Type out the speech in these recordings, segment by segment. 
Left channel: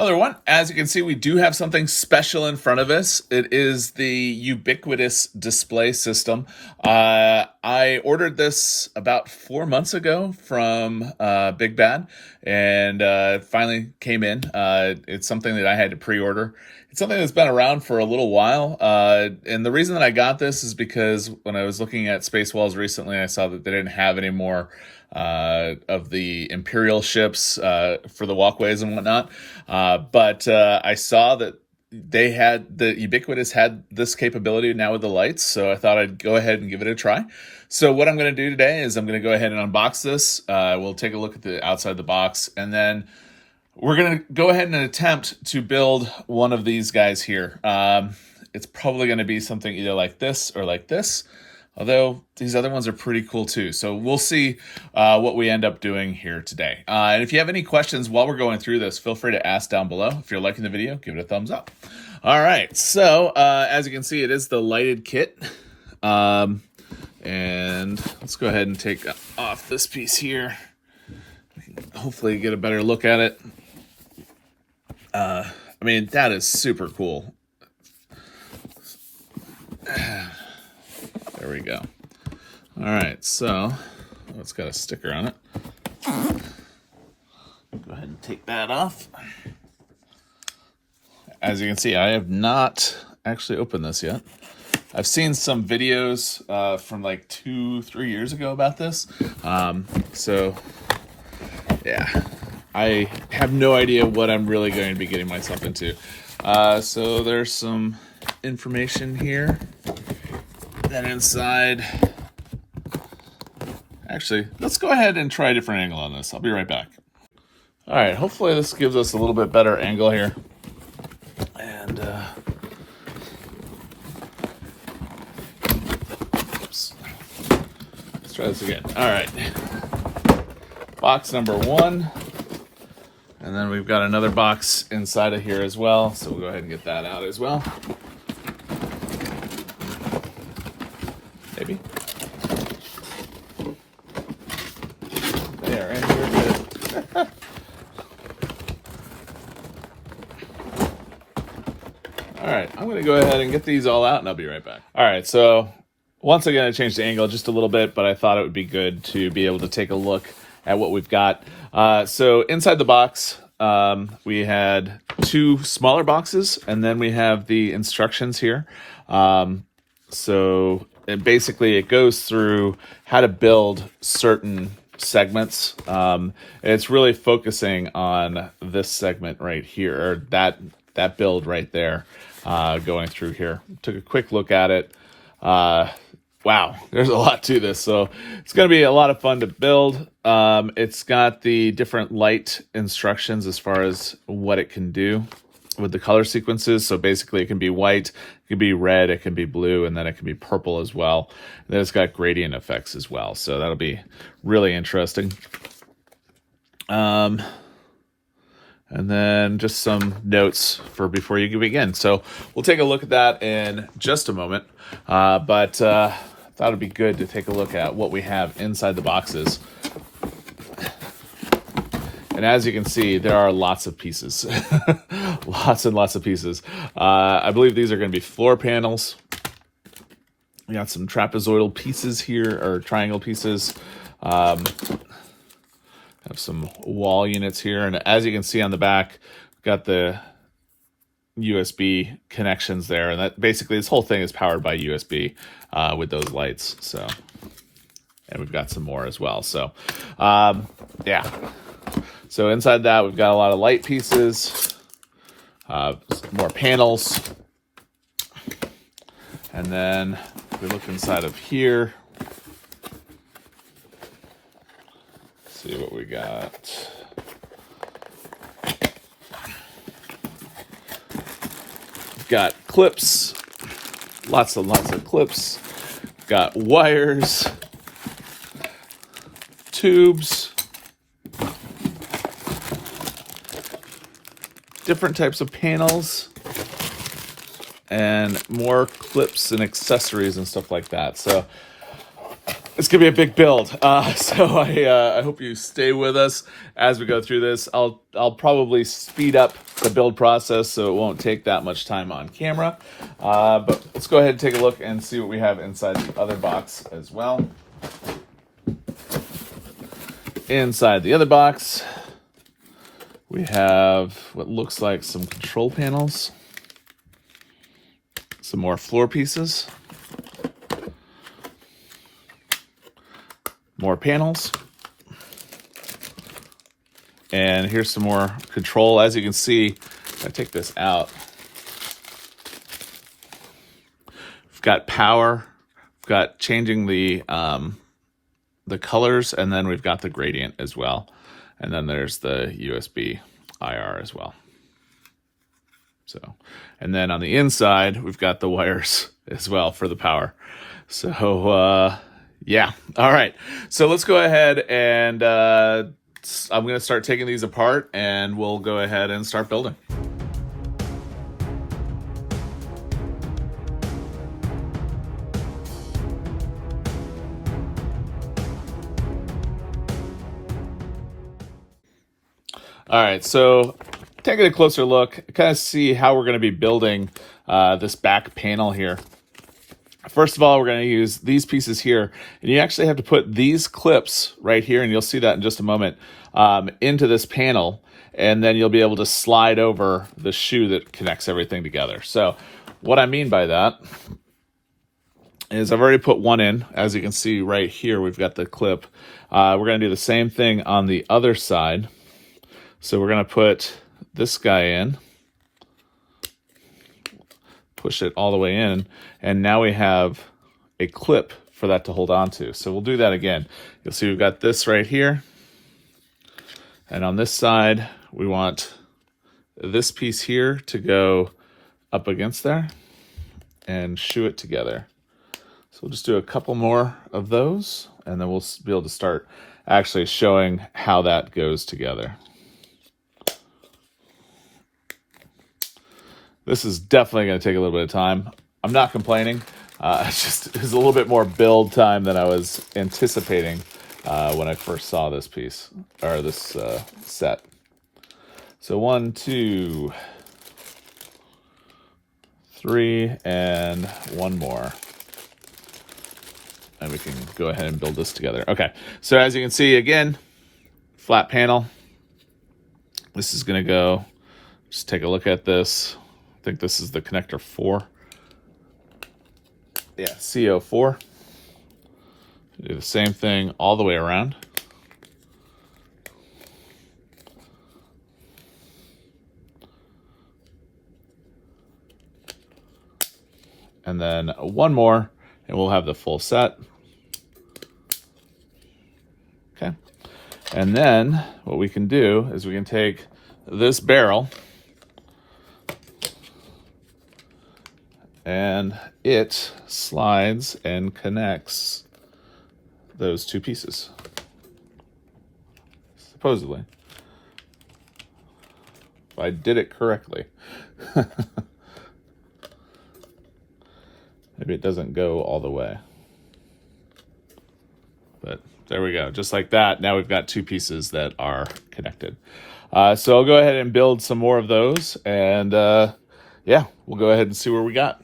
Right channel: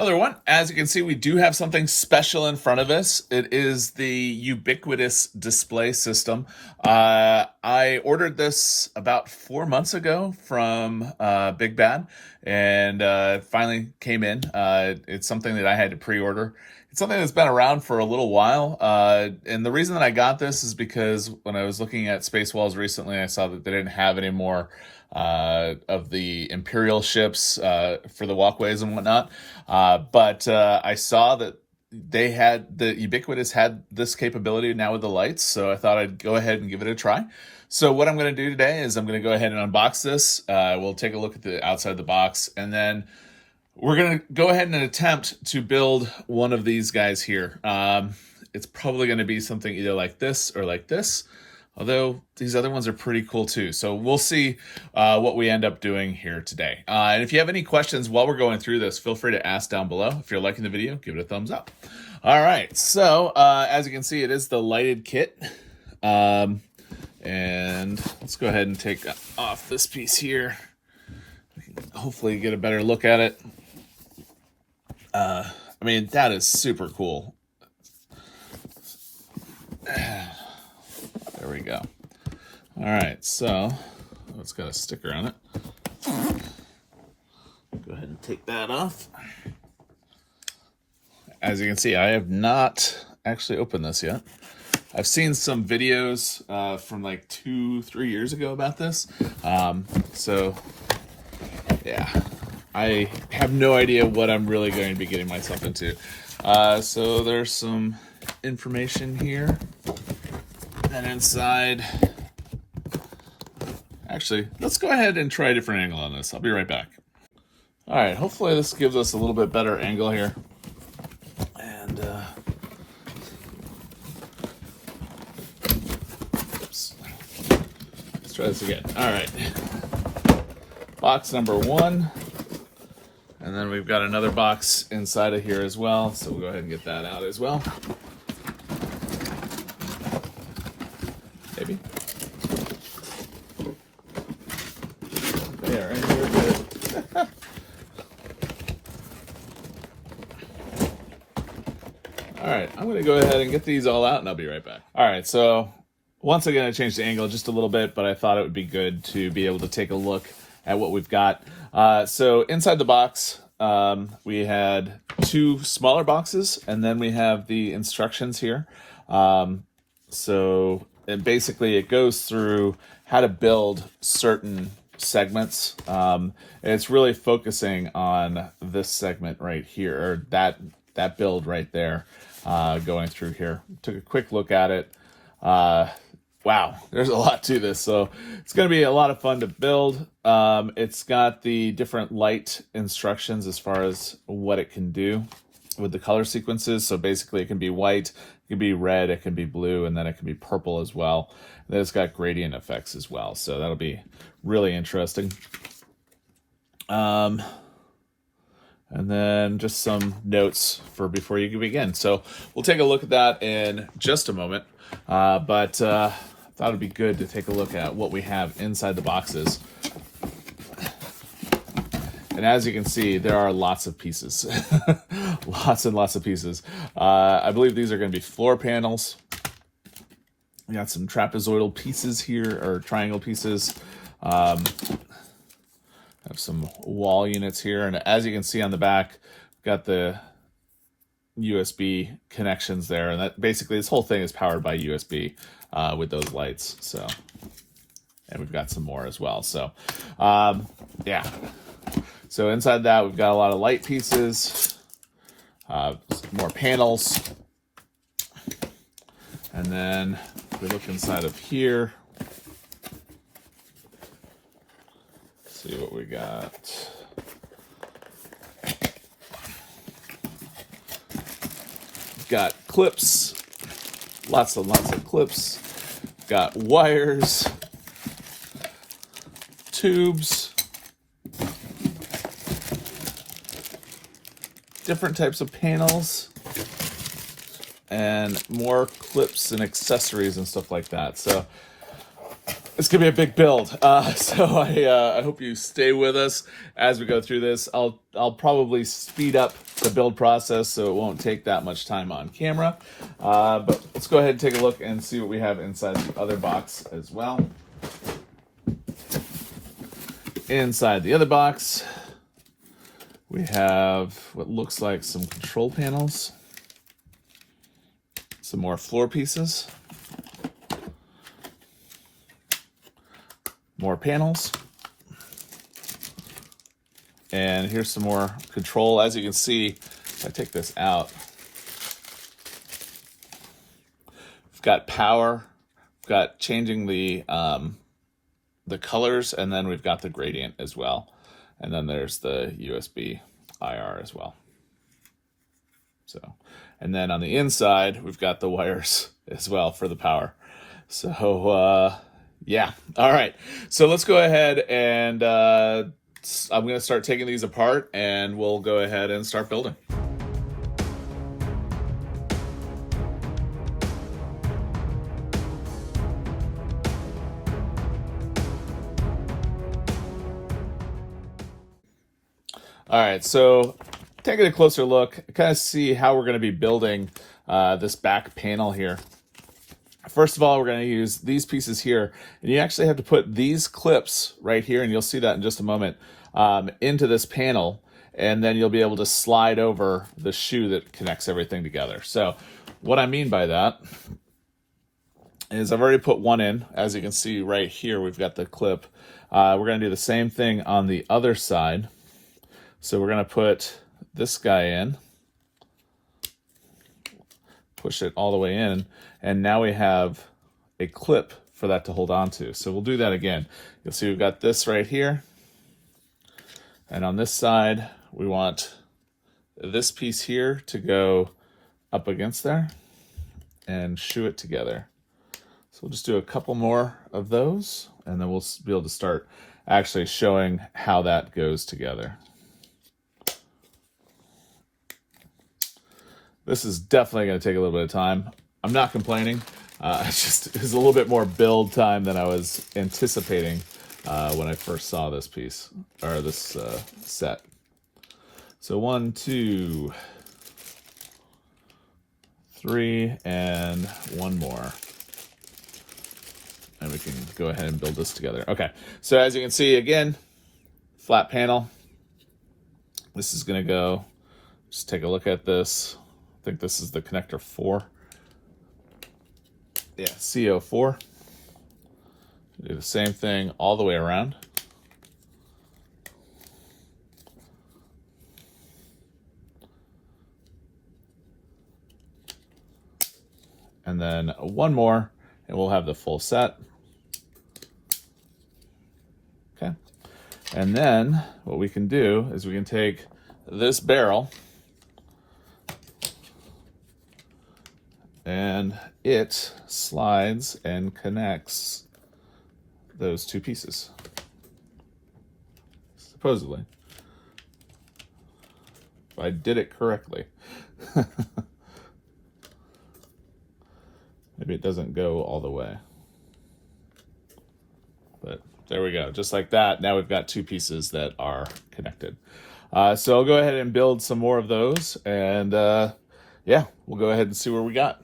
Hello everyone. As you can see, we do have something special in front of us. It is the Ubiquitous display system. I ordered this about 4 months ago from Big Bad, and finally came in. It's something that I had to pre-order. It's something that's been around for a little while, and the reason that I got this is because when I was looking at Space Walls recently, I saw that they didn't have any more of the imperial ships for the walkways and whatnot. But I saw that the Ubiquitous had this capability now with the lights, so I thought I'd go ahead and give it a try. So what I'm going to do today is I'm going to go ahead and unbox this. We'll take a look at the outside of the box, and then we're going to go ahead and attempt to build one of these guys here. It's probably going to be something either like this or like this, although these other ones are pretty cool too. So we'll see what we end up doing here today. And if you have any questions while we're going through this, feel free to ask down below. If you're liking the video, give it a thumbs up. All right, so as you can see, it is the lighted kit. And let's go ahead and take off this piece here. We can hopefully get a better look at it. I mean, that is super cool. There we go. All right, so it's got a sticker on it. Go ahead and take that off. As you can see, I have not actually opened this yet. I've seen some videos from like 2-3 years ago about this. So yeah, I have no idea what I'm really going to be getting myself into. So there's some information here. Then inside, actually, let's go ahead and try a different angle on this. I'll be right back. All right, hopefully this gives us a little bit better angle here. And oops. Let's try this again. All right, box number 1. And then we've got another box inside of here as well. So we'll go ahead and get that out as well. Maybe. There, and we're good. All right, I'm gonna go ahead and get these all out and I'll be right back. All right, so once again, I changed the angle just a little bit, but I thought it would be good to be able to take a look at what we've got. So inside the box, we had 2 smaller boxes, and then we have the instructions here. And basically it goes through how to build certain segments. And it's really focusing on this segment right here, or that build right there, going through here. Took a quick look at it. Wow, there's a lot to this, so it's going to be a lot of fun to build. It's got the different light instructions as far as what it can do with the color sequences. So basically it can be white, it can be red, it can be blue, and then it can be purple as well. And then it's got gradient effects as well, so that'll be really interesting. And then just some notes for before you begin. So we'll take a look at that in just a moment. But I thought it'd be good to take a look at what we have inside the boxes. And as you can see, there are lots of pieces. Lots and lots of pieces. I believe these are going to be floor panels. We got some trapezoidal pieces here, or triangle pieces. Have some wall units here, and as you can see on the back, got the USB connections there, and that basically this whole thing is powered by USB with those lights. So, and we've got some more as well. So, yeah. So inside that, we've got a lot of light pieces, more panels, and then if we look inside of here. See what we got. Got clips, lots and lots of clips. Got wires, tubes, different types of panels, and more clips and accessories and stuff like that. So It's gonna be a big build, so I hope you stay with us as we go through this. I'll probably speed up the build process so it won't take that much time on camera. But let's go ahead and take a look and see what we have inside the other box as well. Inside the other box, we have what looks like some control panels, some more floor pieces, more panels, and here's some more control. As you can see, if I take this out, we've got power, we've got changing the colors, and then we've got the gradient as well. And then there's the USB IR as well. So, and then on the inside, we've got the wires as well for the power. So, yeah. All right. So let's go ahead and I'm going to start taking these apart and we'll go ahead and start building. All right. So taking a closer look, kind of see how we're going to be building this back panel here. First of all, we're going to use these pieces here, and you actually have to put these clips right here, and you'll see that in just a moment, into this panel, and then you'll be able to slide over the shoe that connects everything together. So what I mean by that is I've already put one in. As you can see right here, we've got the clip. We're going to do the same thing on the other side. So we're going to put this guy in, push it all the way in, and now we have a clip for that to hold on to. So we'll do that again. You'll see we've got this right here, and on this side we want this piece here to go up against there and shoe it together. So we'll just do a couple more of those, and then we'll be able to start actually showing how that goes together. This is definitely going to take a little bit of time. I'm not complaining. It was a little bit more build time than I was anticipating when I first saw this piece, or this set. So 1, 2, 3, and one more. And we can go ahead and build this together. Okay, so as you can see, again, flat panel. This is going to go, just take a look at this. I think this is the connector 4. Yeah, CO4. Do the same thing all the way around. And then one more, and we'll have the full set. Okay. And then what we can do is we can take this barrel, and it slides and connects those two pieces, supposedly, if I did it correctly. Maybe it doesn't go all the way, but there we go. Just like that, now we've got two pieces that are connected. So I'll go ahead and build some more of those, and yeah, we'll go ahead and see where we got.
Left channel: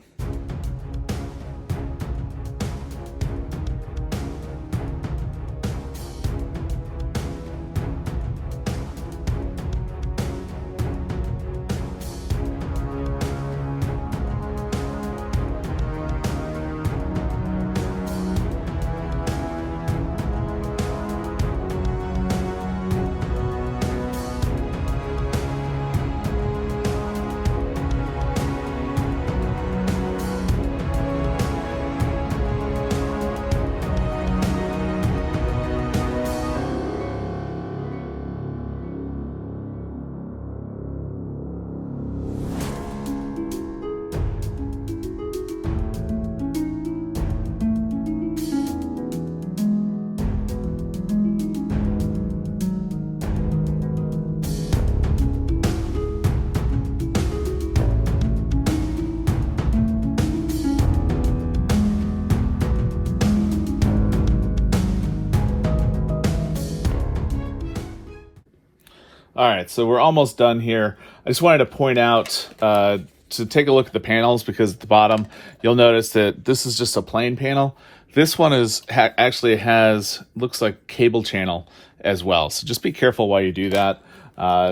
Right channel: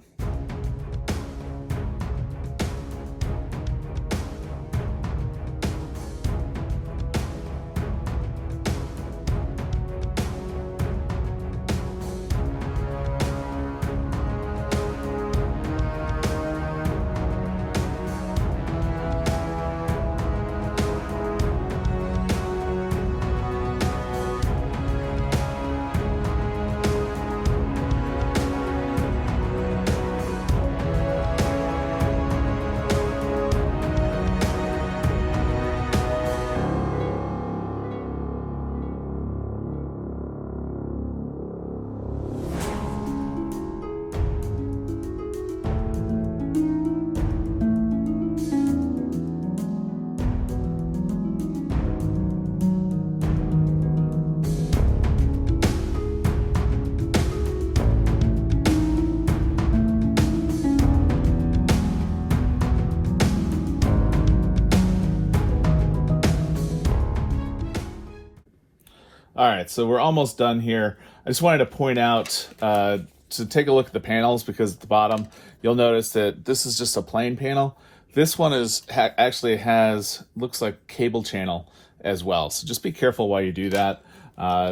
All right, so we're almost done here. I just wanted to point out to take a look at the panels, because at the bottom you'll notice that this is just a plain panel. This one is actually has, looks like cable channel as well. So just be careful while you do that.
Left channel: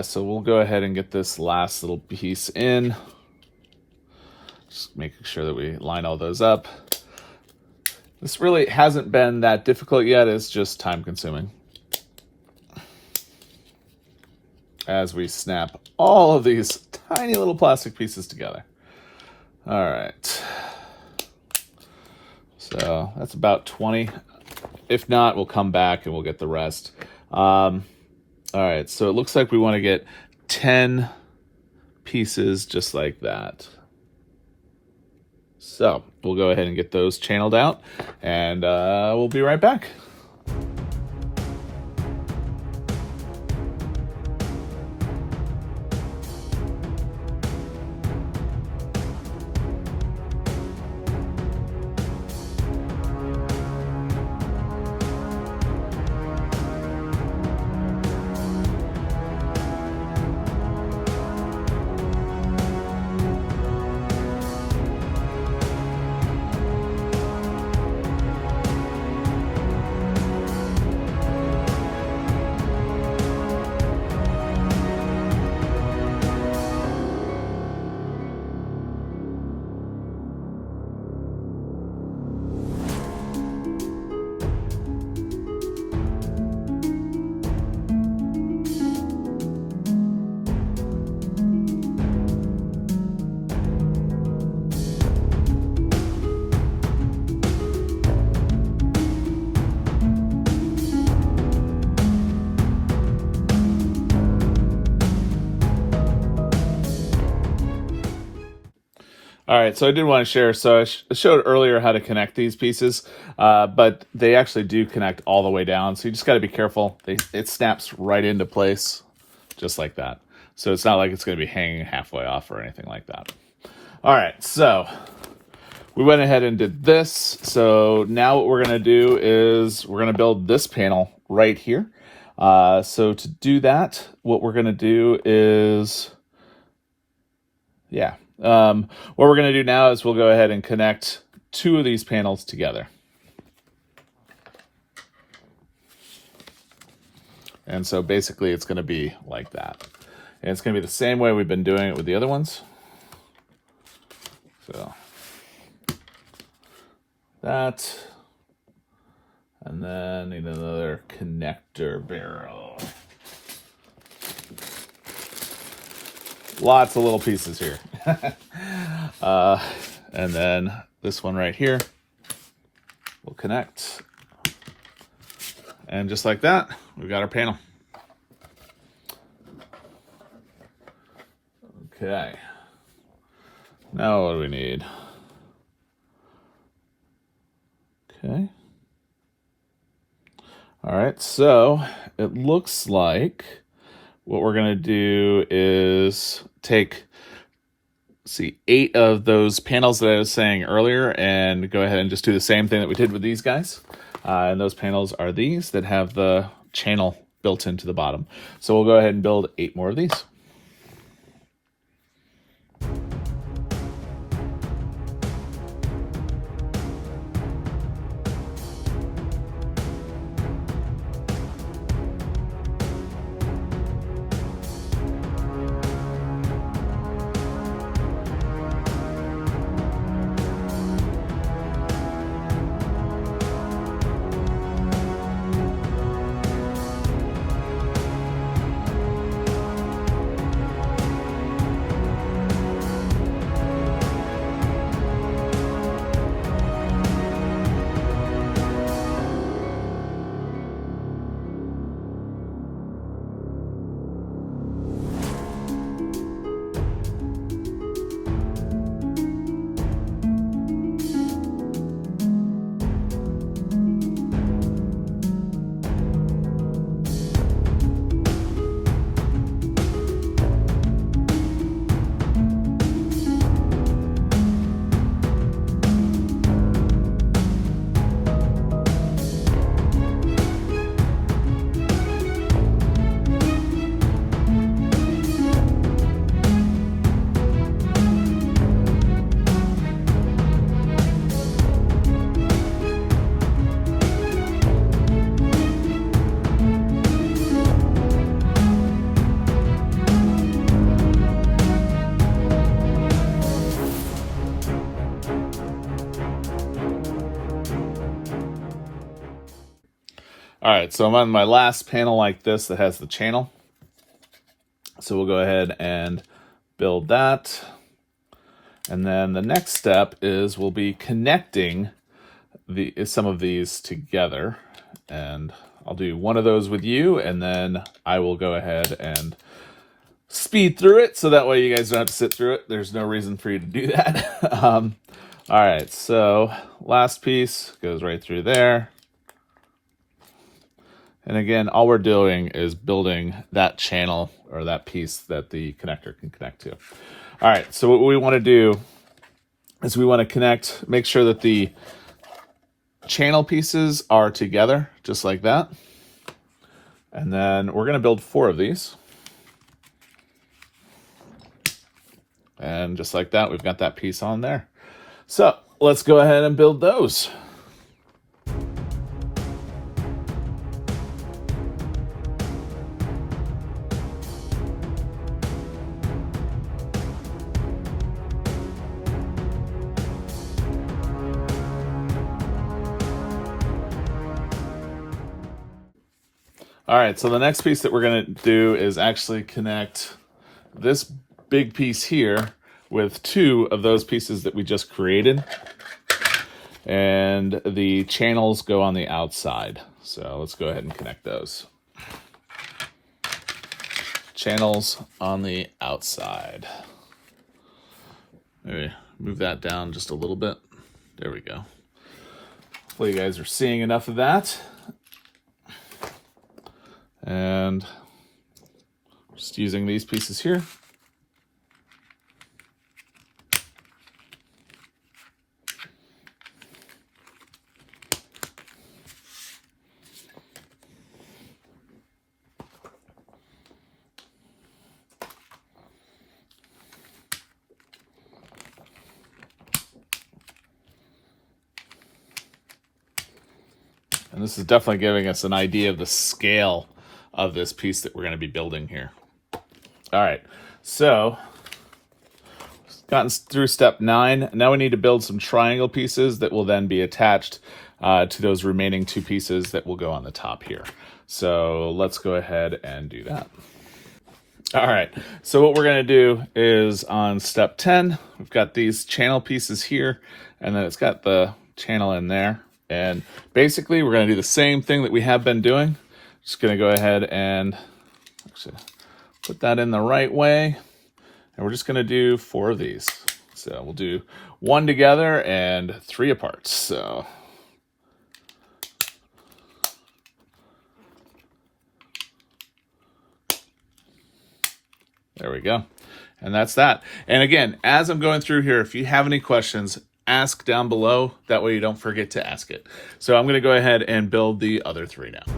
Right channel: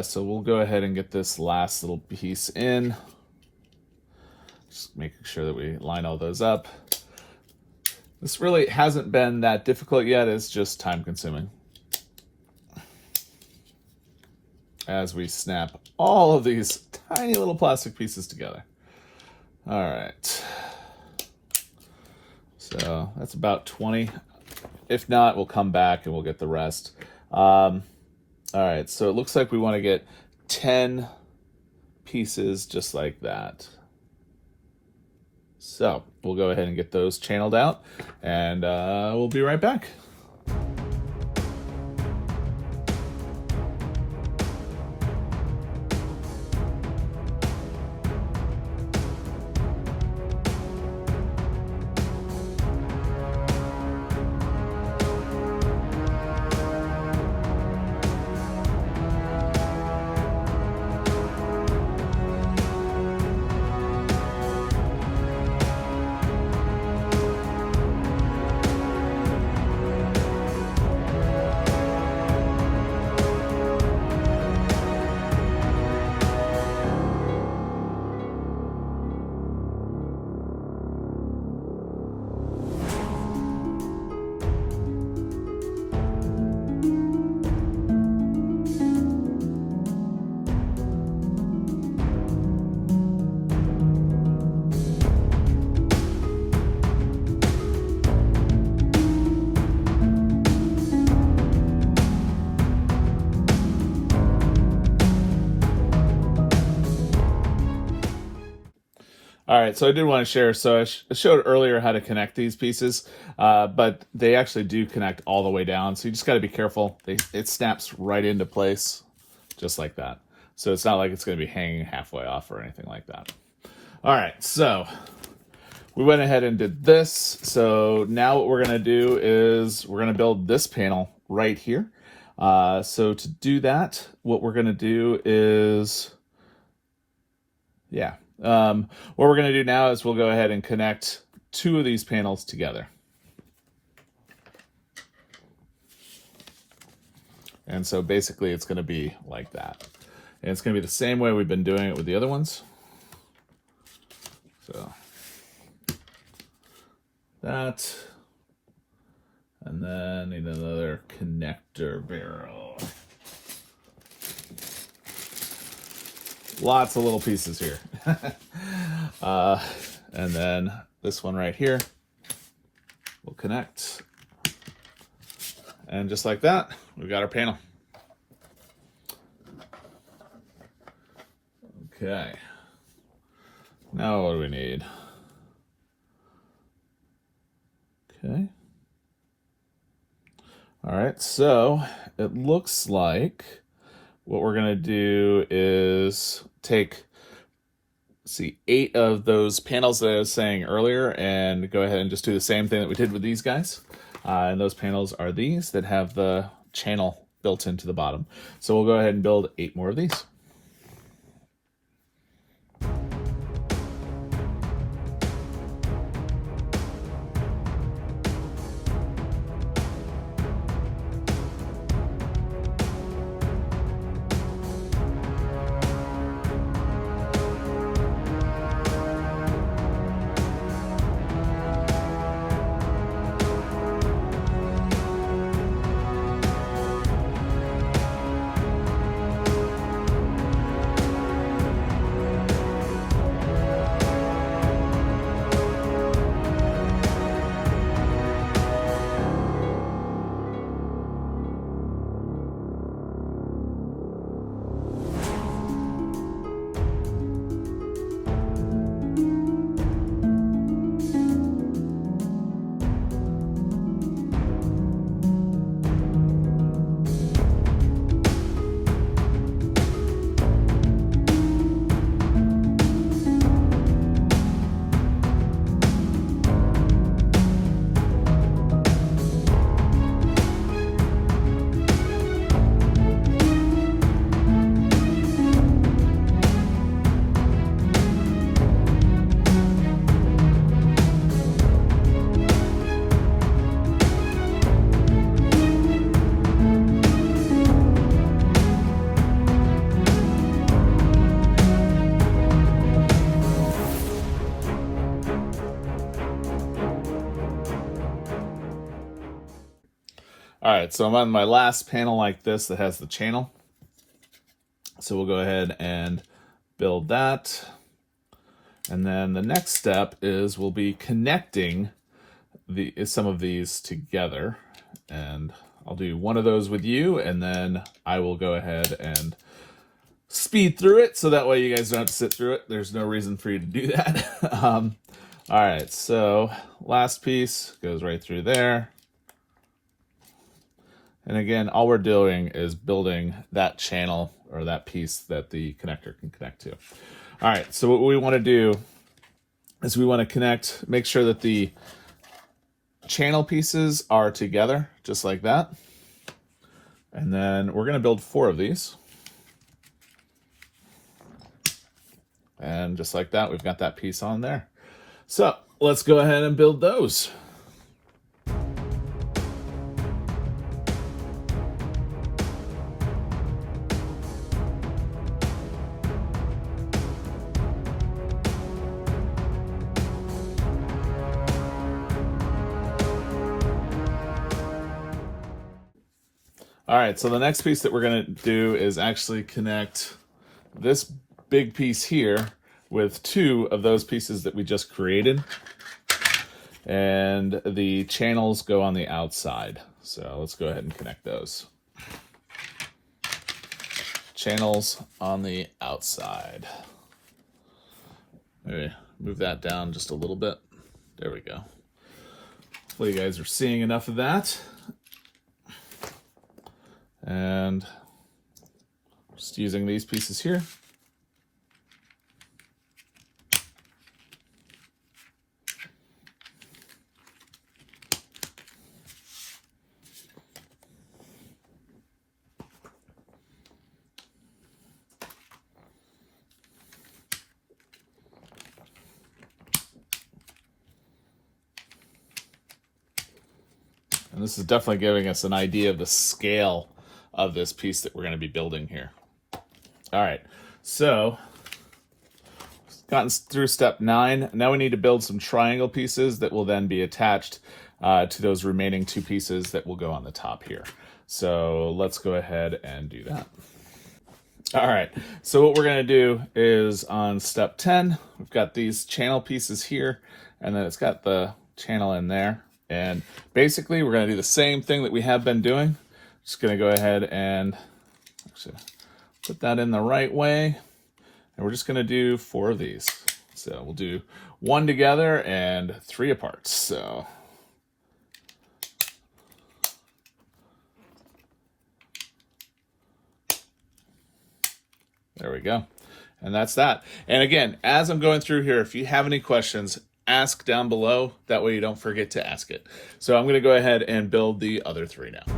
So we'll go ahead and get this last little piece in. Just making sure that we line all those up. This really hasn't been that difficult yet. It's just time consuming, as we snap all of these tiny little plastic pieces together. All right. So that's about 20. If not, we'll come back and we'll get the rest. All right, so it looks like we want to get 10 pieces just like that. So we'll go ahead and get those channeled out, and we'll be right back. All right, so I did want to share, so I showed earlier how to connect these pieces, but they actually do connect all the way down, so you just got to be careful. It snaps right into place, just like that. So it's not like it's going to be hanging halfway off or anything like that. All right, so we went ahead and did this. So now what we're going to do is we're going to build this panel right here. So to do that, what we're going to do is, what we're going to do now is we'll go ahead and connect two of these panels together. And so basically it's going to be like that. And it's going to be the same way we've been doing it with the other ones. So that, and then need another connector barrel. Lots of little pieces here. And then this one right here will connect. And just like that, we've got our panel. Okay. Now what do we need? Okay. All right, so it looks like what we're going to do is take, see, 8 of those panels that I was saying earlier and go ahead and just do the same thing that we did with these guys. And those panels are these that have the channel built into the bottom. So we'll go ahead and build 8 more of these. right, so I'm on my last panel like this that has the channel. So we'll go ahead and build that. And then the next step is we'll be connecting some of these together. And I'll do one of those with you, and then I will go ahead and speed through it, so that way you guys don't have to sit through it. There's no reason for you to do that. All right, so last piece goes right through there. And again, all we're doing is building that channel or that piece that the connector can connect to. All right, so what we want to do is we want to connect, make sure that the channel pieces are together, just like that. And then we're going to build 4 of these. And just like that, we've got that piece on there. So let's go ahead and build those. All right, so the next piece that we're going to do is actually connect this big piece here with 2 of those pieces that we just created. And the channels go on the outside. So let's go ahead and connect those. Channels on the outside. Maybe move that down just a little bit. There we go. Hopefully you guys are seeing enough of that. And just using these pieces here. And this is definitely giving us an idea of the scale of this piece that we're going to be building here. All right, so gotten through step 9. Now we need to build some triangle pieces that will then be attached to those remaining 2 pieces that will go on the top here. So let's go ahead and do that. All right, so what we're going to do is on step 10, we've got these channel pieces here, and then it's got the channel in there. And basically we're going to do the same thing that we have been doing. Just going to go ahead and actually put that in the right way. And we're just going to do 4 of these. So we'll do 1 together and 3 apart. So there we go. And that's that. And again, as I'm going through here, if you have any questions, ask down below. That way you don't forget to ask it. So I'm going to go ahead and build the other 3 now.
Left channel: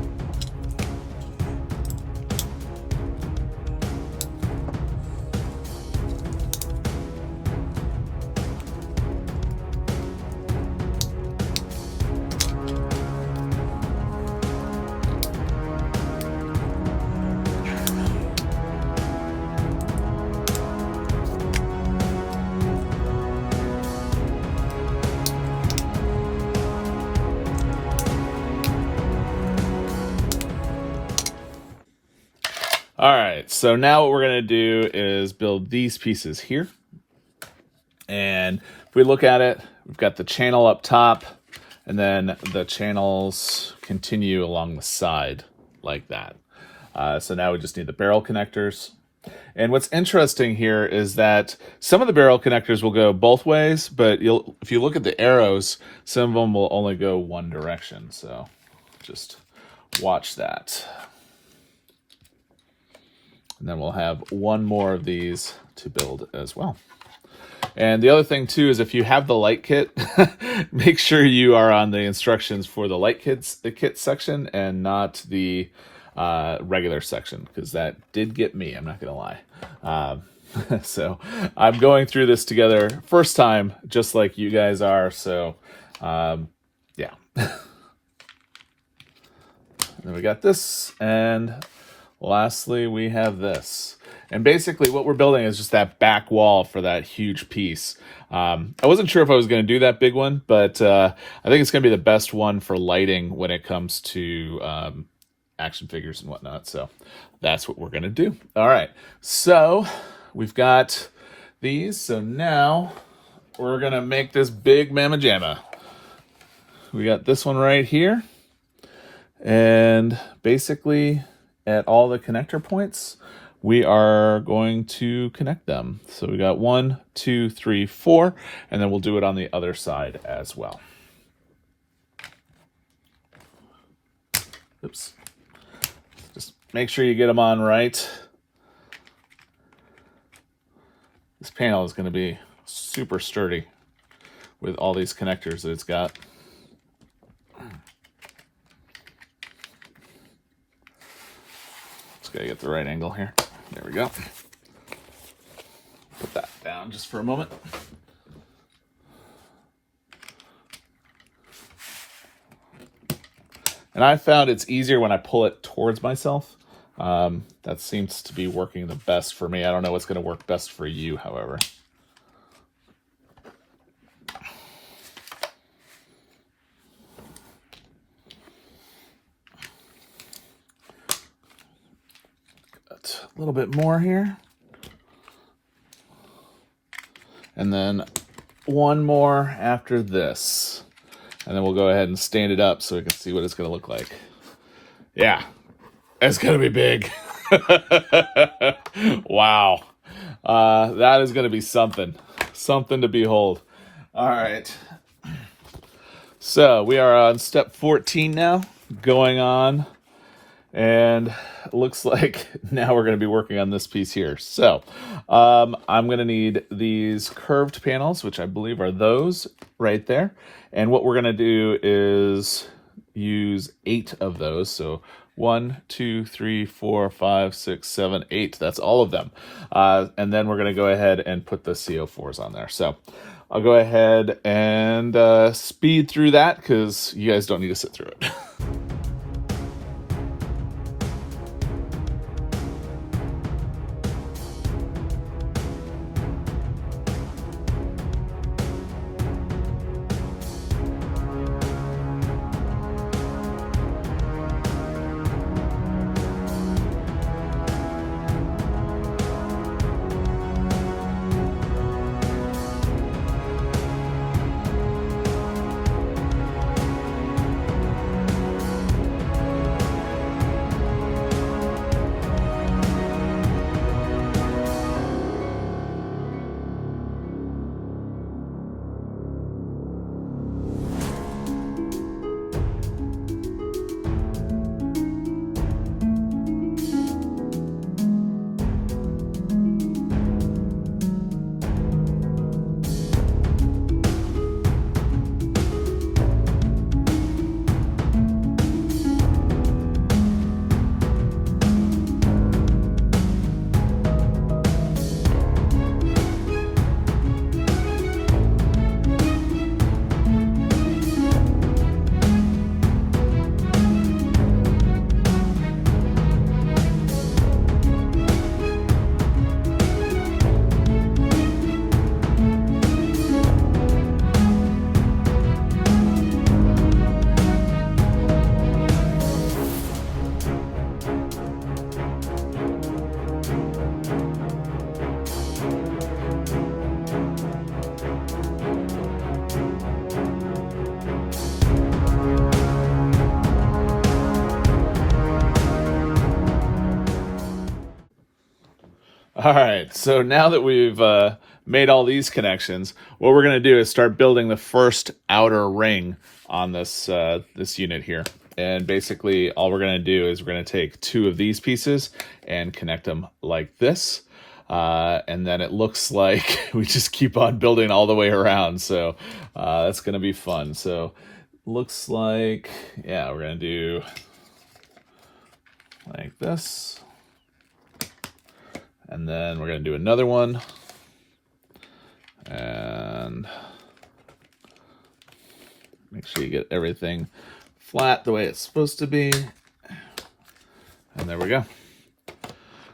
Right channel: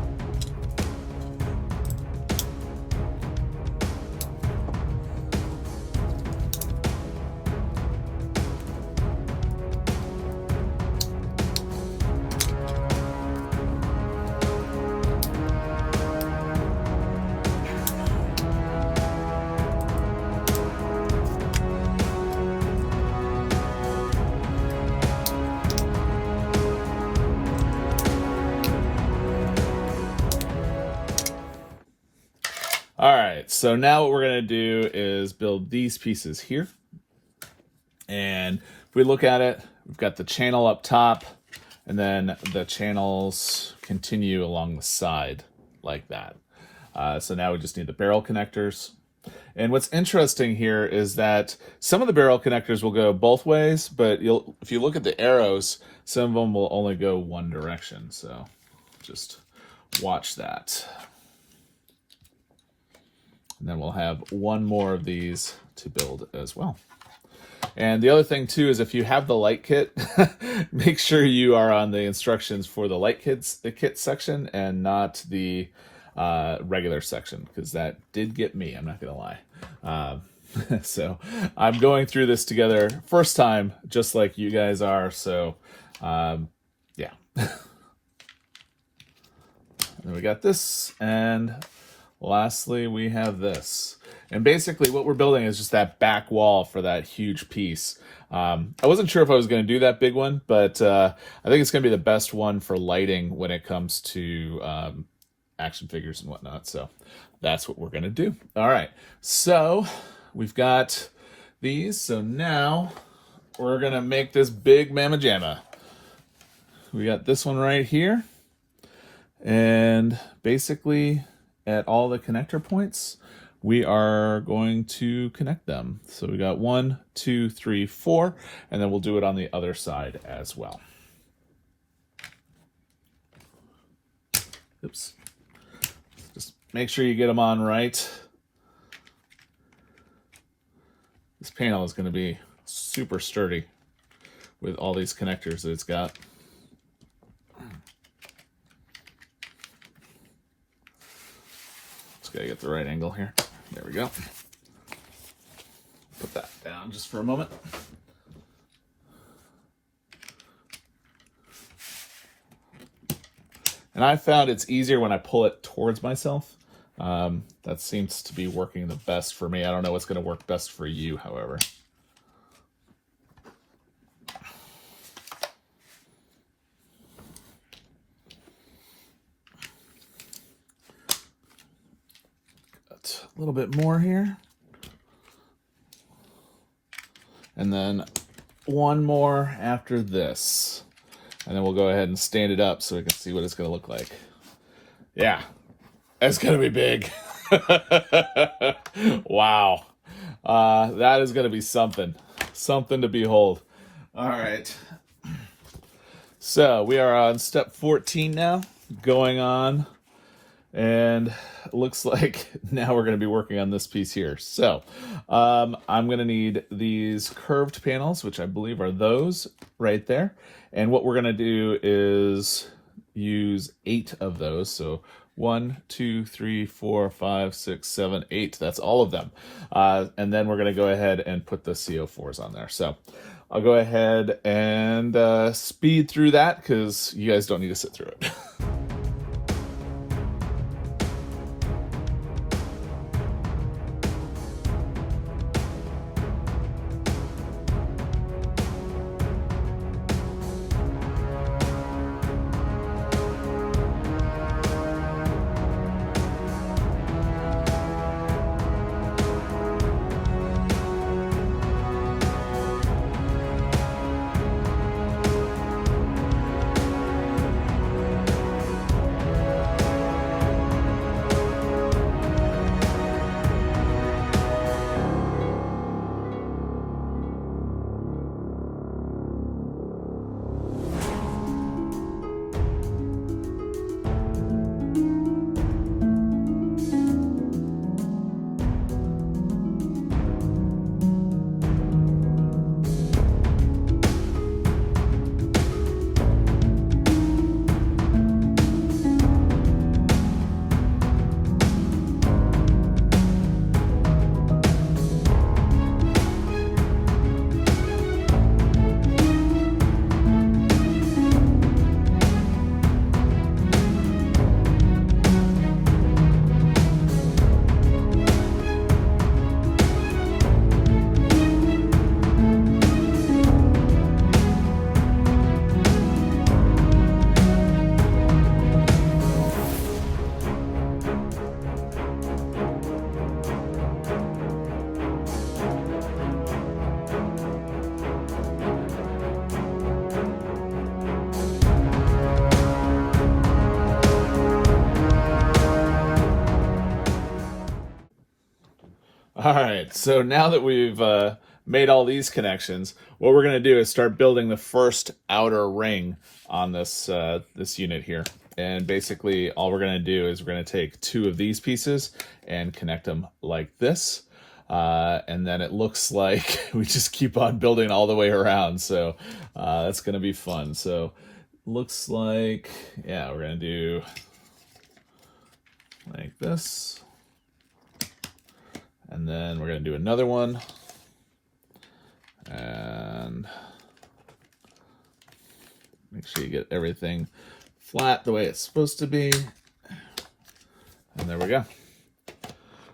All right, so now what we're going to do is build these pieces here. And if we look at it, we've got the channel up top, and then the channels continue along the side like that. So now we just need the barrel connectors. And what's interesting here is that some of the barrel connectors will go both ways, but if you look at the arrows, some of them will only go one direction. So just watch that. And then we'll have 1 more of these to build as well. And the other thing too is if you have the light kit, make sure you are on the instructions for the light kits, the kit section, and not the regular section, because that did get me, I'm not gonna lie. So I'm going through this together first time, just like you guys are. So yeah. And we got this, and lastly, we have this. And basically what we're building is just that back wall for that huge piece. I wasn't sure if I was going to do that big one, but I think it's going to be the best one for lighting when it comes to action figures and whatnot. So that's what we're gonna do. All right, so we've got these. So now we're gonna make this big mamma jamma. We got this one right here, and basically at all the connector points, we are going to connect them. So we got 1, 2, 3, 4, and then we'll do it on the other side as well. Oops. Just make sure you get them on right. This panel is going to be super sturdy with all these connectors that it's got. Just got to get the right angle here. There we go. Put that down just for a moment. And I found it's easier when I pull it towards myself. That seems to be working the best for me. I don't know what's going to work best for you, however. Got a little bit more here. And then one more after this. And then we'll go ahead and stand it up so we can see what it's going to look like. Yeah, it's going to be big. Wow. That is going to be something to behold. All right. So we are on step 14 now, going on. And it looks like now we're going to be working on this piece here. So I'm going to need these curved panels, which I believe are those right there. And what we're going to do is use 8 of those. So 1, 2, 3, 4, 5, 6, 7, 8. That's all of them. And then we're going to go ahead and put the CO4s on there. So I'll go ahead and speed through that because you guys don't need to sit through it. All right, so now that we've made all these connections, what we're going to do is start building the first outer ring on this this unit here. And basically all we're going to do is we're going to take 2 of these pieces and connect them like this. And then it looks like we just keep on building all the way around. So that's going to be fun. So looks like, yeah, we're going to do like this. And then we're going to do another one. And make sure you get everything flat the way it's supposed to be. And there we go.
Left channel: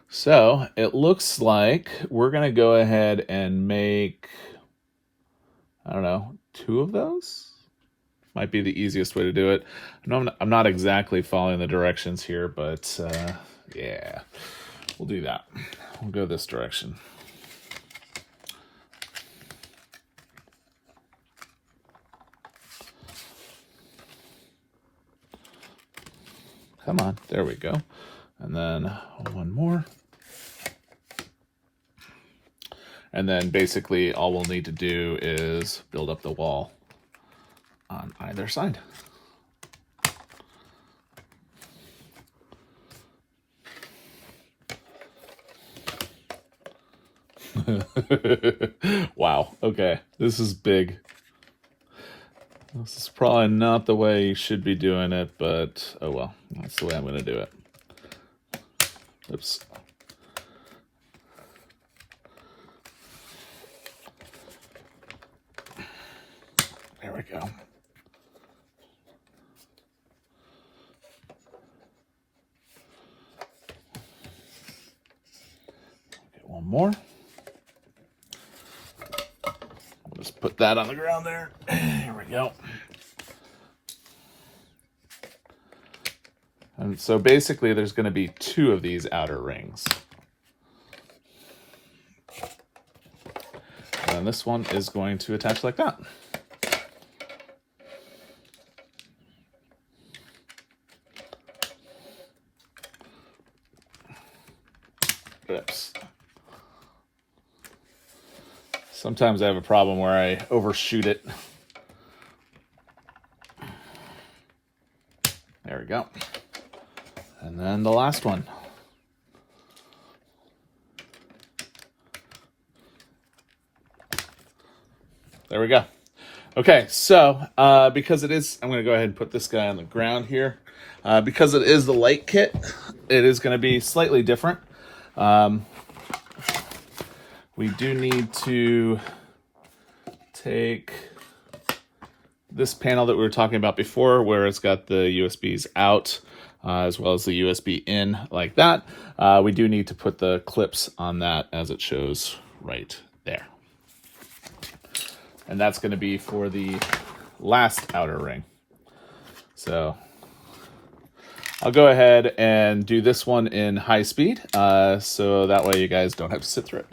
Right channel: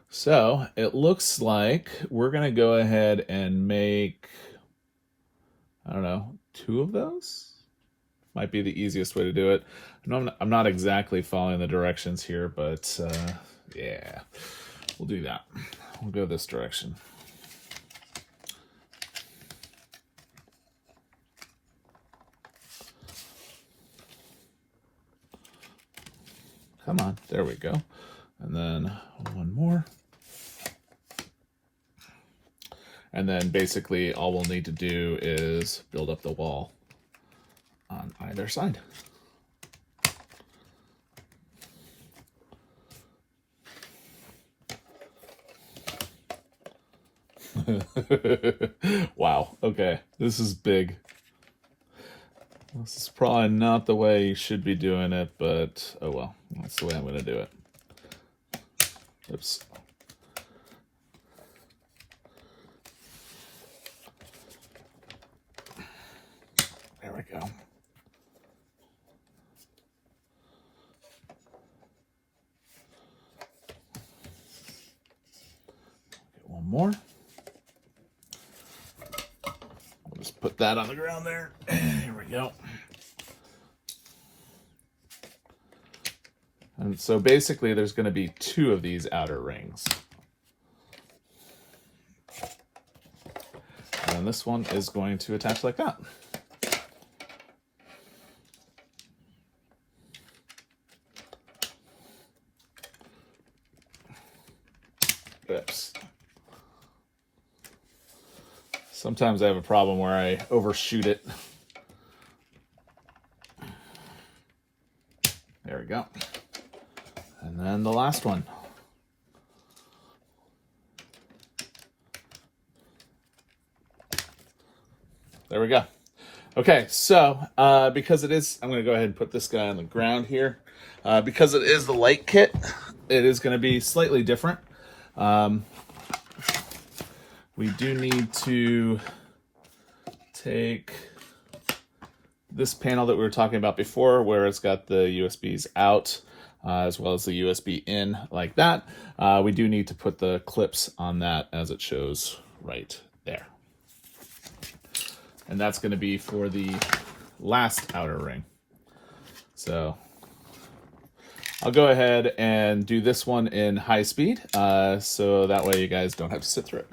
So it looks like we're going to go ahead and make, I don't know, 2 of those? might be the easiest way to do it. I'm not exactly following the directions here, but yeah, we'll do that. We'll go this direction. Come on, there we go. And then one more. And then basically all we'll need to do is build up the wall on either side. Wow, okay, this is big. This is probably not the way you should be doing it, but oh well, that's the way I'm going to do it. Oops. There we go. Get one more. Let's put that on the ground there. Here we go. And so basically there's going to be 2 of these outer rings. And this one is going to attach like that. Oops. Sometimes I have a problem where I overshoot it. There we go. And then the last one. There we go. Okay, so because it is, I'm going to go ahead and put this guy on the ground here. Because it is the light kit, it is going to be slightly different. We do need to take this panel that we were talking about before, where it's got the USBs out, as well as the USB in like that. We do need to put the clips on that as it shows right there. And that's going to be for the last outer ring. So I'll go ahead and do this one in high speed, so that way you guys don't have to sit through it.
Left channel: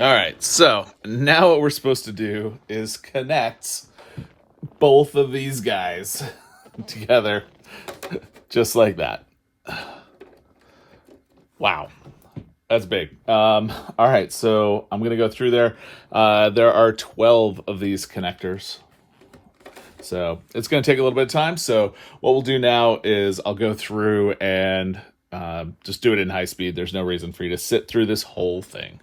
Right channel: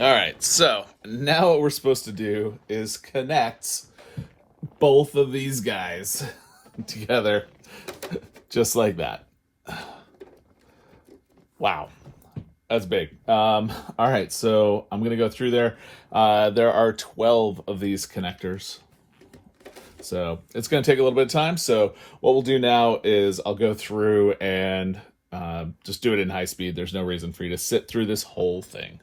All right, so now what we're supposed to do is connect both of these guys together, just like that. Wow, that's big. All right, so I'm gonna go through there. There are 12 of these connectors. So it's gonna take a little bit of time. So what we'll do now is I'll go through and just do it in high speed. There's no reason for you to sit through this whole thing.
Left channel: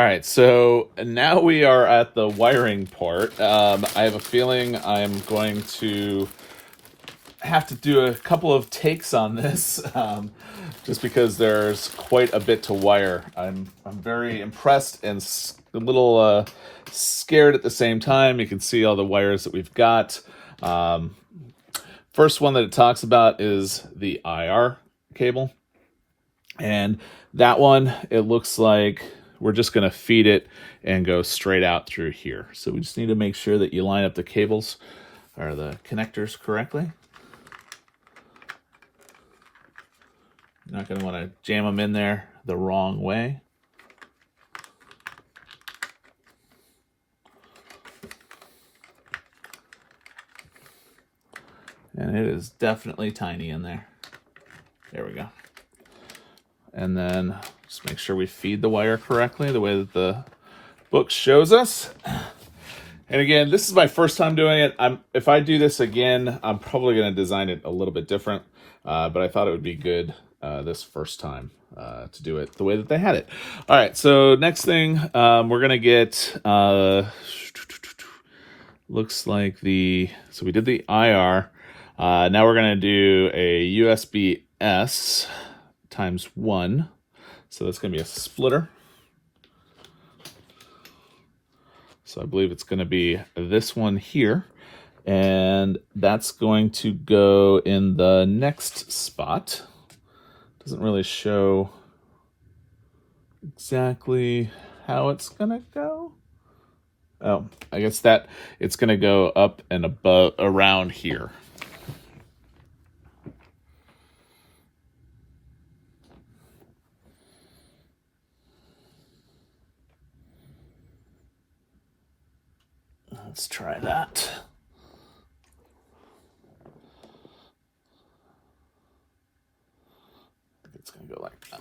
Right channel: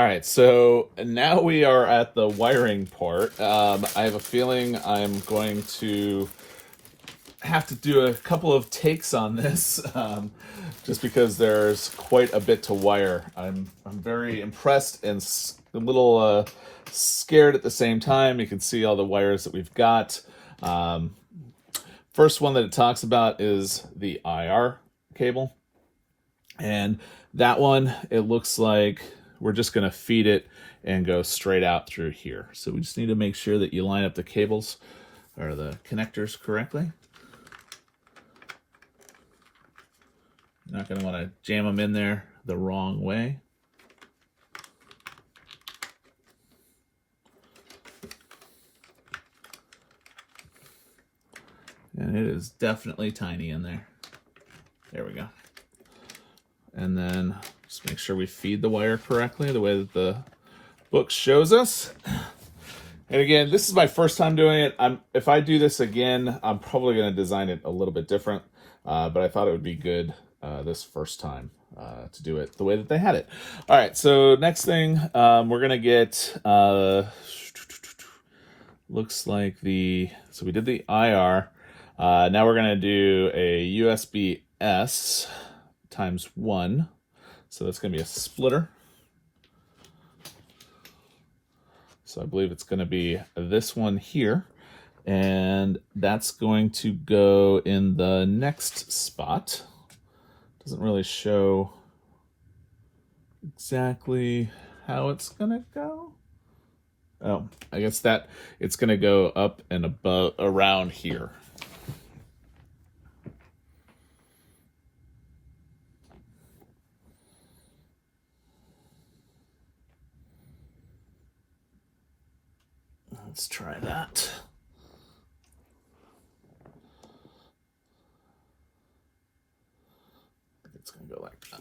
All right, so now we are at the wiring part. I have a feeling I'm going to have to do a couple of takes on this, just because there's quite a bit to wire. I'm very impressed and a little scared at the same time. You can see all the wires that we've got. First one that it talks about is the IR cable. And that one, it looks like we're just going to feed it and go straight out through here. So we just need to make sure that you line up the cables or the connectors correctly. You're not going to want to jam them in there the wrong way. And it is definitely tiny in there. There we go. And then just make sure we feed the wire correctly, the way that the book shows us. And again, this is my first time doing it. If I do this again, I'm probably going to design it a little bit different. But I thought it would be good this first time to do it the way that they had it. All right, so next thing, we're going to get, looks like so we did the IR. Now we're going to do a USB-S ×1. So that's going to be a splitter. So I believe it's going to be this one here. And that's going to go in the next spot. Doesn't really show exactly how it's going to go. Oh, I guess that it's going to go up and above around here. Let's try that. It's going to go like that.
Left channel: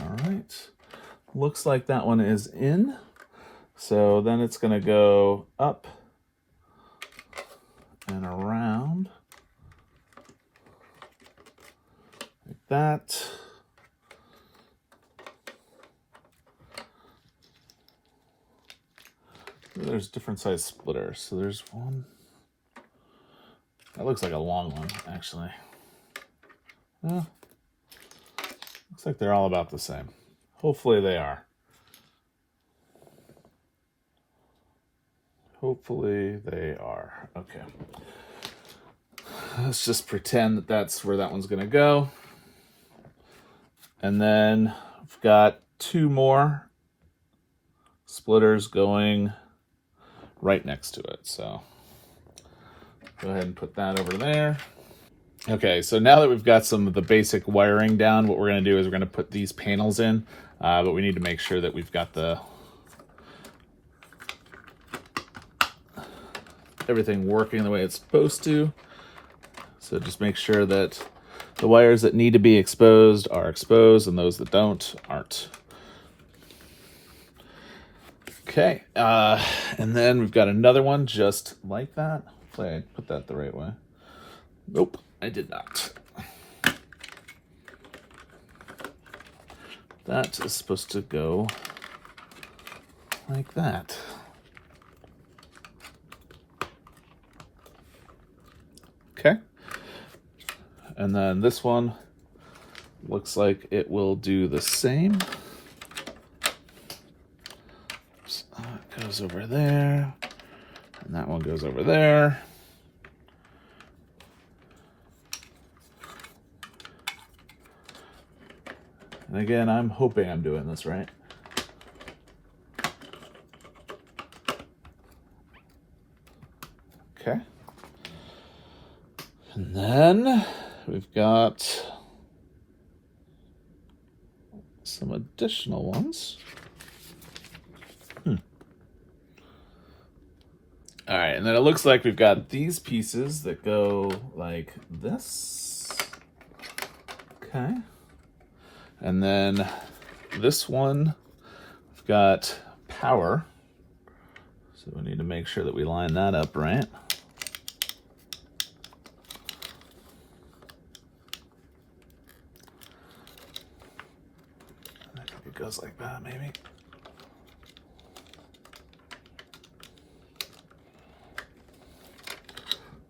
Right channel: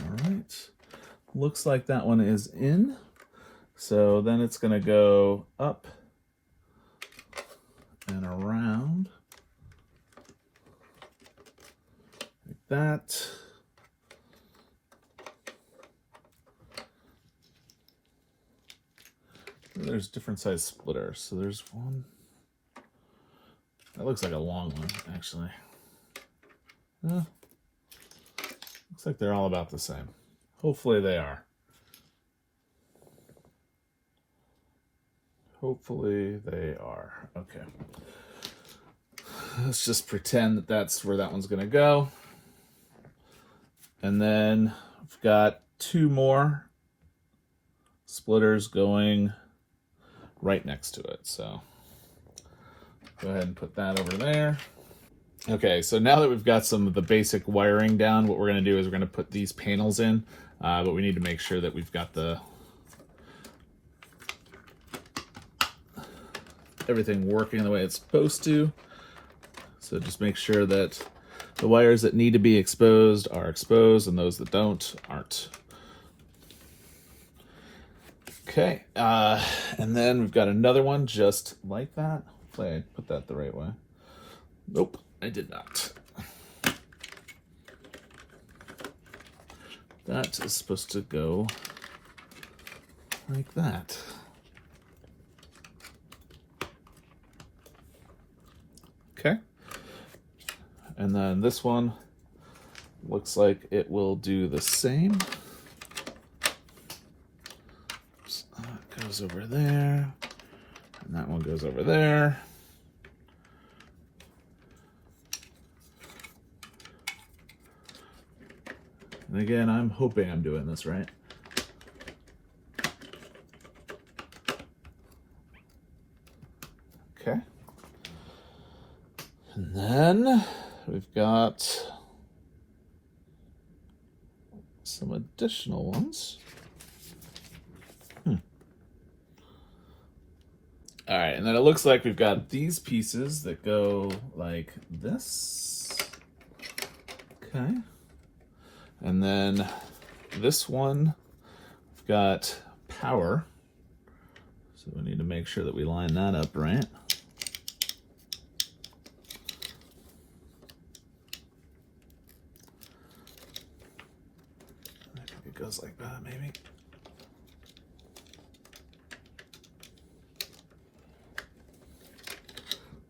All right. Looks like that one is in. So then it's going to go up and around like that. There's different size splitters. So there's one. That looks like a long one, actually. Yeah. Looks like they're all about the same. Hopefully they are. Hopefully they are. Okay. Let's just pretend that that's where that one's going to go. And then I've got 2 more splitters going right next to it. So go ahead and put that over there. Okay, so now that we've got some of the basic wiring down, what we're going to do is we're going to put these panels in, but we need to make sure that we've got everything working the way it's supposed to. So just make sure that the wires that need to be exposed are exposed and those that don't aren't. Okay, and then we've got another one just like that. Hopefully I put that the right way. Nope, I did not. That is supposed to go like that. Okay. And then this one looks like it will do the same. So that goes over there. And that one goes over there. And again, I'm hoping I'm doing this right. Okay. And then we've got some additional ones. All right, and then it looks like we've got these pieces that go like this. Okay. And then this one, we've got power. So we need to make sure that we line that up right. I think it goes like that, maybe.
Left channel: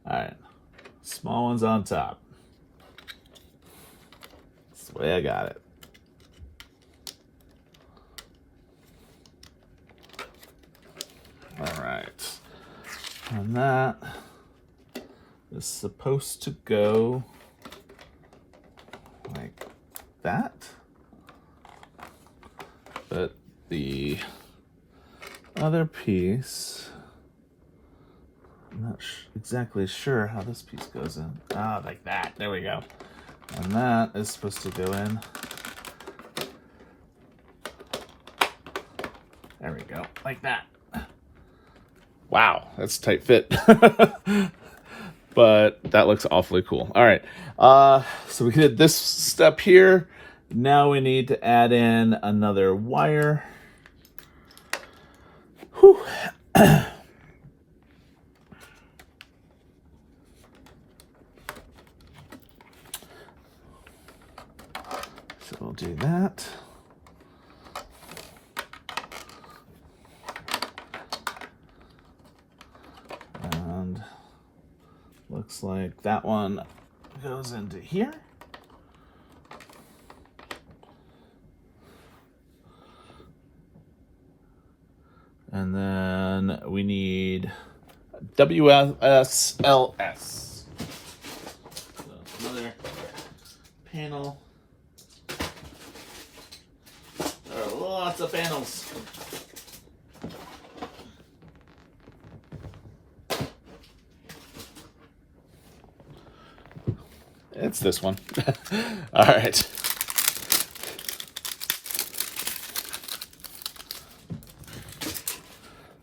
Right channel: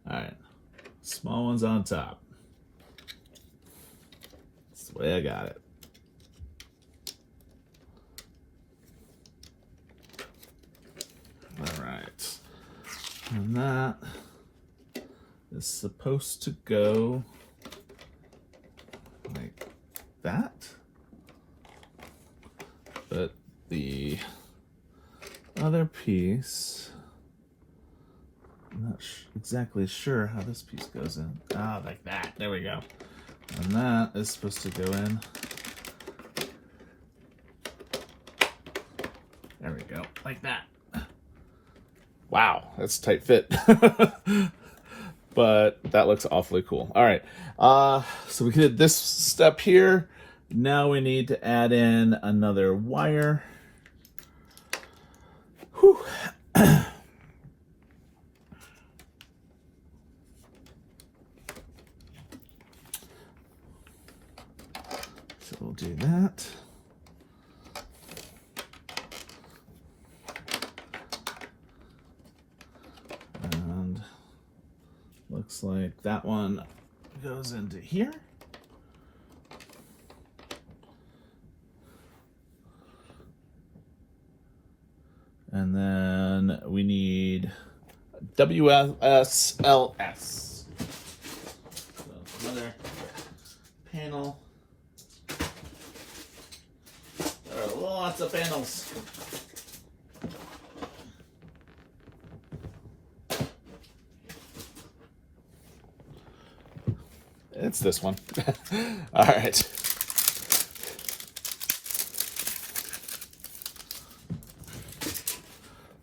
All right, small ones on top. That's the way I got it. All right, and that is supposed to go like that, but the other piece, I'm not exactly sure how this piece goes in. Ah, like that. There we go. And that is supposed to go in. There we go. Like that. Wow, that's a tight fit. But that looks awfully cool. All right. So we did this step here. Now we need to add in another wire. Whew. So we'll do that. And looks like that one goes into here. And then we need WSLS. So another panel. There are lots of panels. It's this one. All right.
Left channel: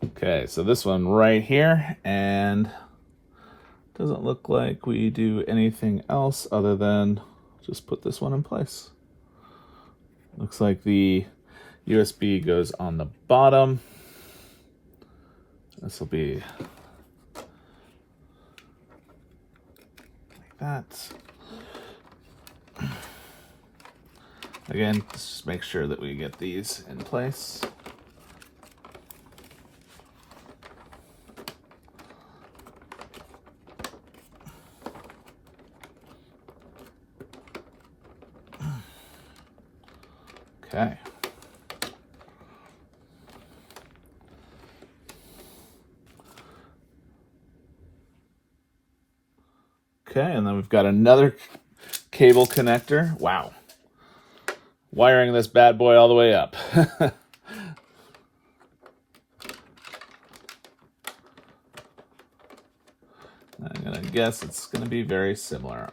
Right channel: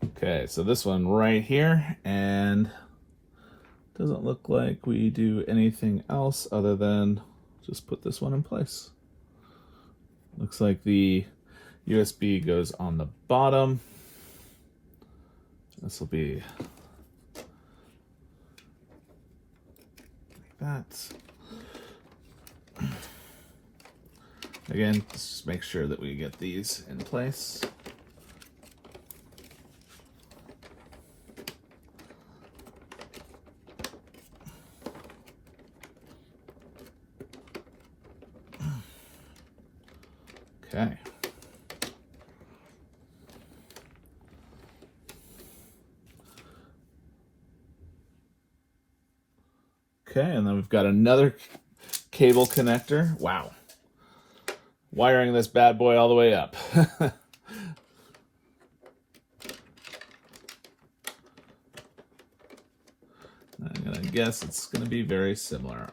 Okay, so this one right here, and doesn't look like we do anything else other than just put this one in place. Looks like the USB goes on the bottom. This will be like that. Again, let's just make sure that we get these in place. Okay. Okay, and then we've got another cable connector. Wow. Wiring this bad boy all the way up. I'm gonna guess it's gonna be very similar.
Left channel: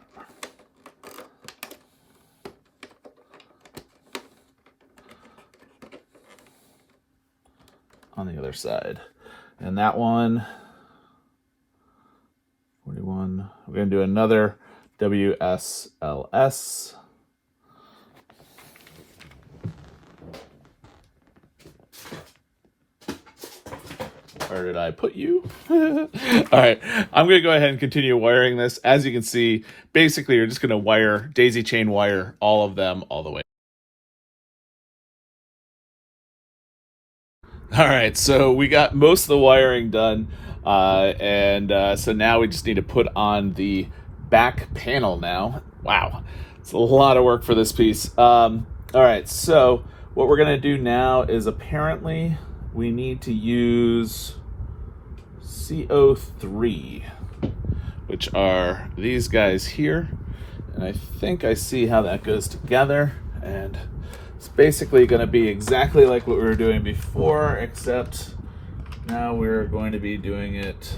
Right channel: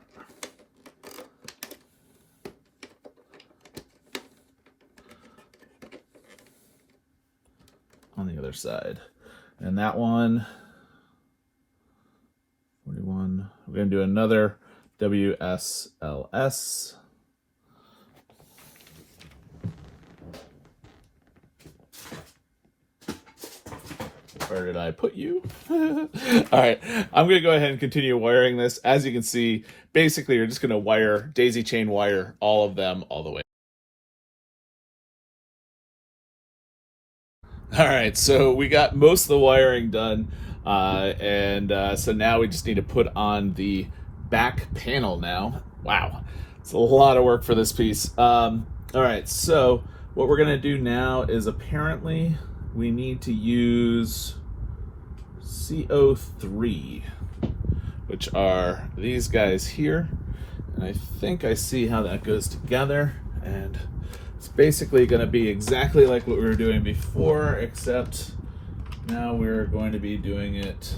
On the other side. And that one, 41, we're going to do another WSLS. Where did I put you? All right, I'm going to go ahead and continue wiring this. As you can see, basically you're just going to wire, daisy chain wire all of them all the way. All right, so we got most of the wiring done, so now we just need to put on the back panel now. Wow, it's a lot of work for this piece. All right, so what we're gonna do now is apparently we need to use CO3, which are these guys here. And I think I see how that goes together, and it's basically going to be exactly like what we were doing before, except now we're going to be doing it.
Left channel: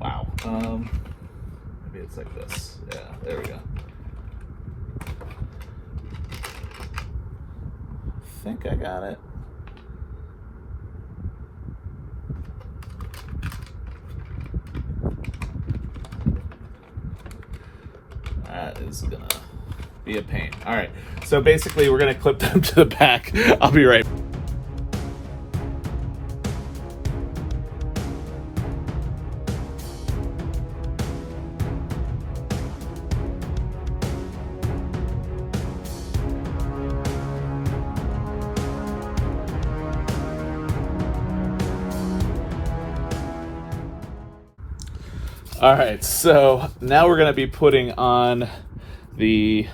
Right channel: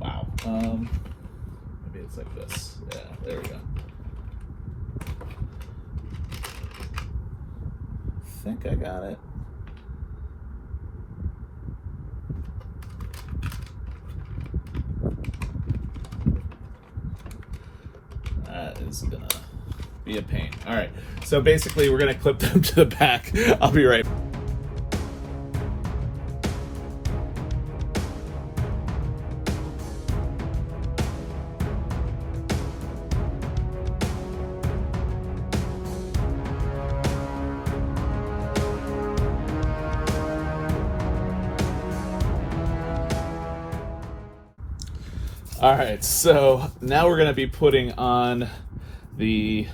Wow. Maybe it's like this. Yeah, there we go. I think I got it. That is gonna be a pain. All right, so basically we're gonna clip them to the back. I'll be right back. All right, so now we're going to be putting on the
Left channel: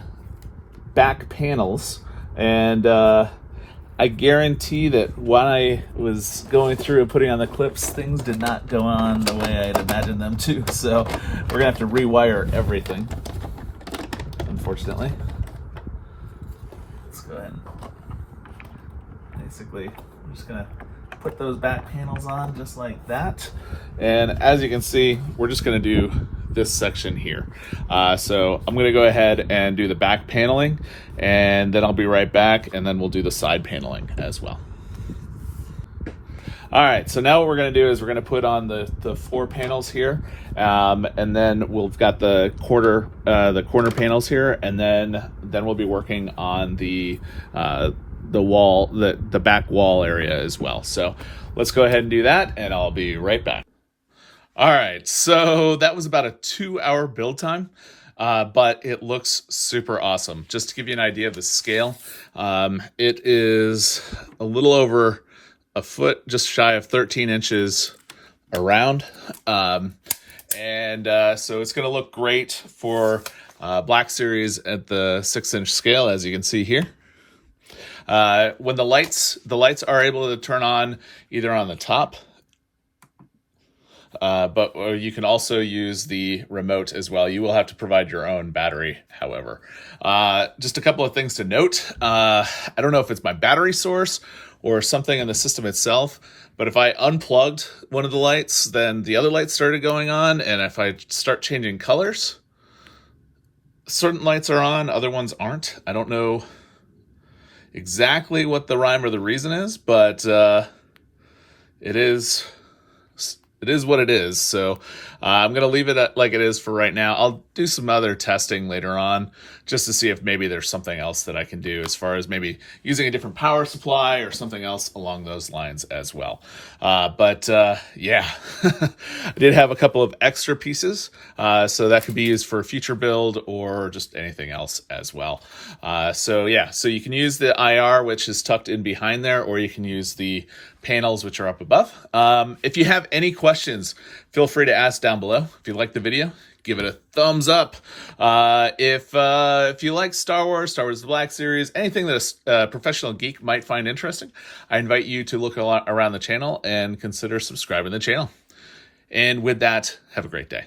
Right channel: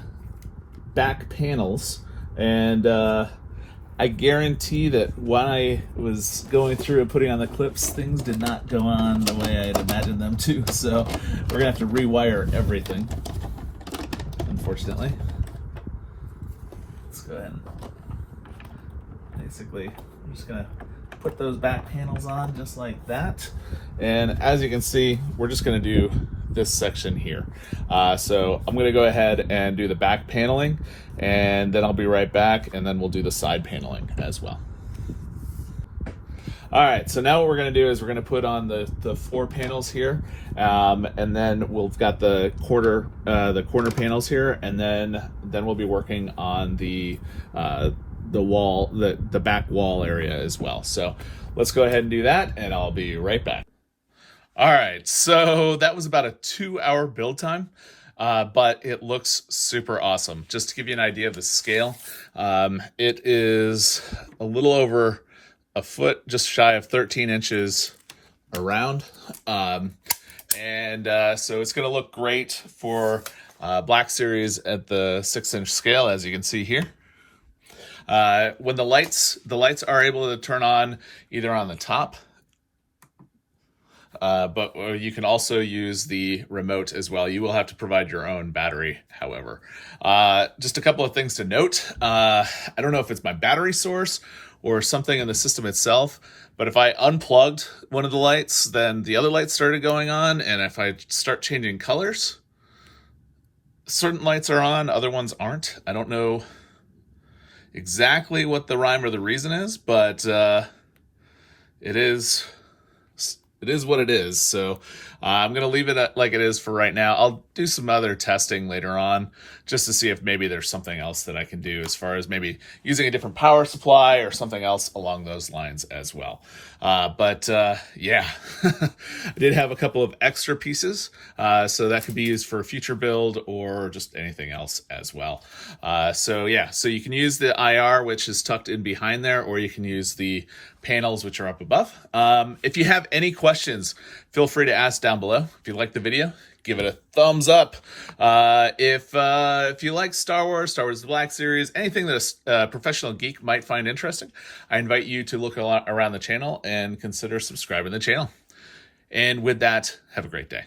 back panels, and I guarantee that when I was going through and putting on the clips, things did not go on the way I'd imagined them to, so we're going to have to rewire everything, unfortunately. Let's go ahead and basically, I'm just going to put those back panels on just like that. And as you can see, we're just going to do this section here. So I'm going to go ahead and do the back paneling, and then I'll be right back, and then we'll do the side paneling as well. All right, so now what we're going to do is we're going to put on the 4 panels here, and then we've got the corner panels here, and then we'll be working on the wall, the back wall area as well. So let's go ahead and do that, and I'll be right back. All right, so that was about a 2-hour build time, but it looks super awesome. Just to give you an idea of the scale, it is a little over a foot, just shy of 13 inches around. So it's going to look great for Black Series at the 6-inch scale, as you can see here. When the lights are able to turn on either on the top, but you can also use the remote as well. You will have to provide your own battery, however. Just a couple of things to note. I don't know if it's my battery source or something in the system itself, but if I unplugged one of the lights, then the other lights started going on, and if I start changing colors, certain lights are on, other ones aren't. I don't know exactly what the rhyme or the reason is, but it is what it is. So I'm going to leave it like it is for right now. I'll do some other testing later on just to see if maybe there's something else that I can do as far as maybe using a different power supply or something else along those lines as well. Yeah, I did have a couple of extra pieces, so that could be used for a future build or just anything else as well. So you can use the IR, which is tucked in behind there, or you can use the panels, which are up above. If you have any questions, feel free to ask down below. If you like the video, give it a thumbs up. If you like Star Wars The Black Series, anything that a professional geek might find interesting, I invite you to look around the channel and consider subscribing to the channel. And with that, have a great day.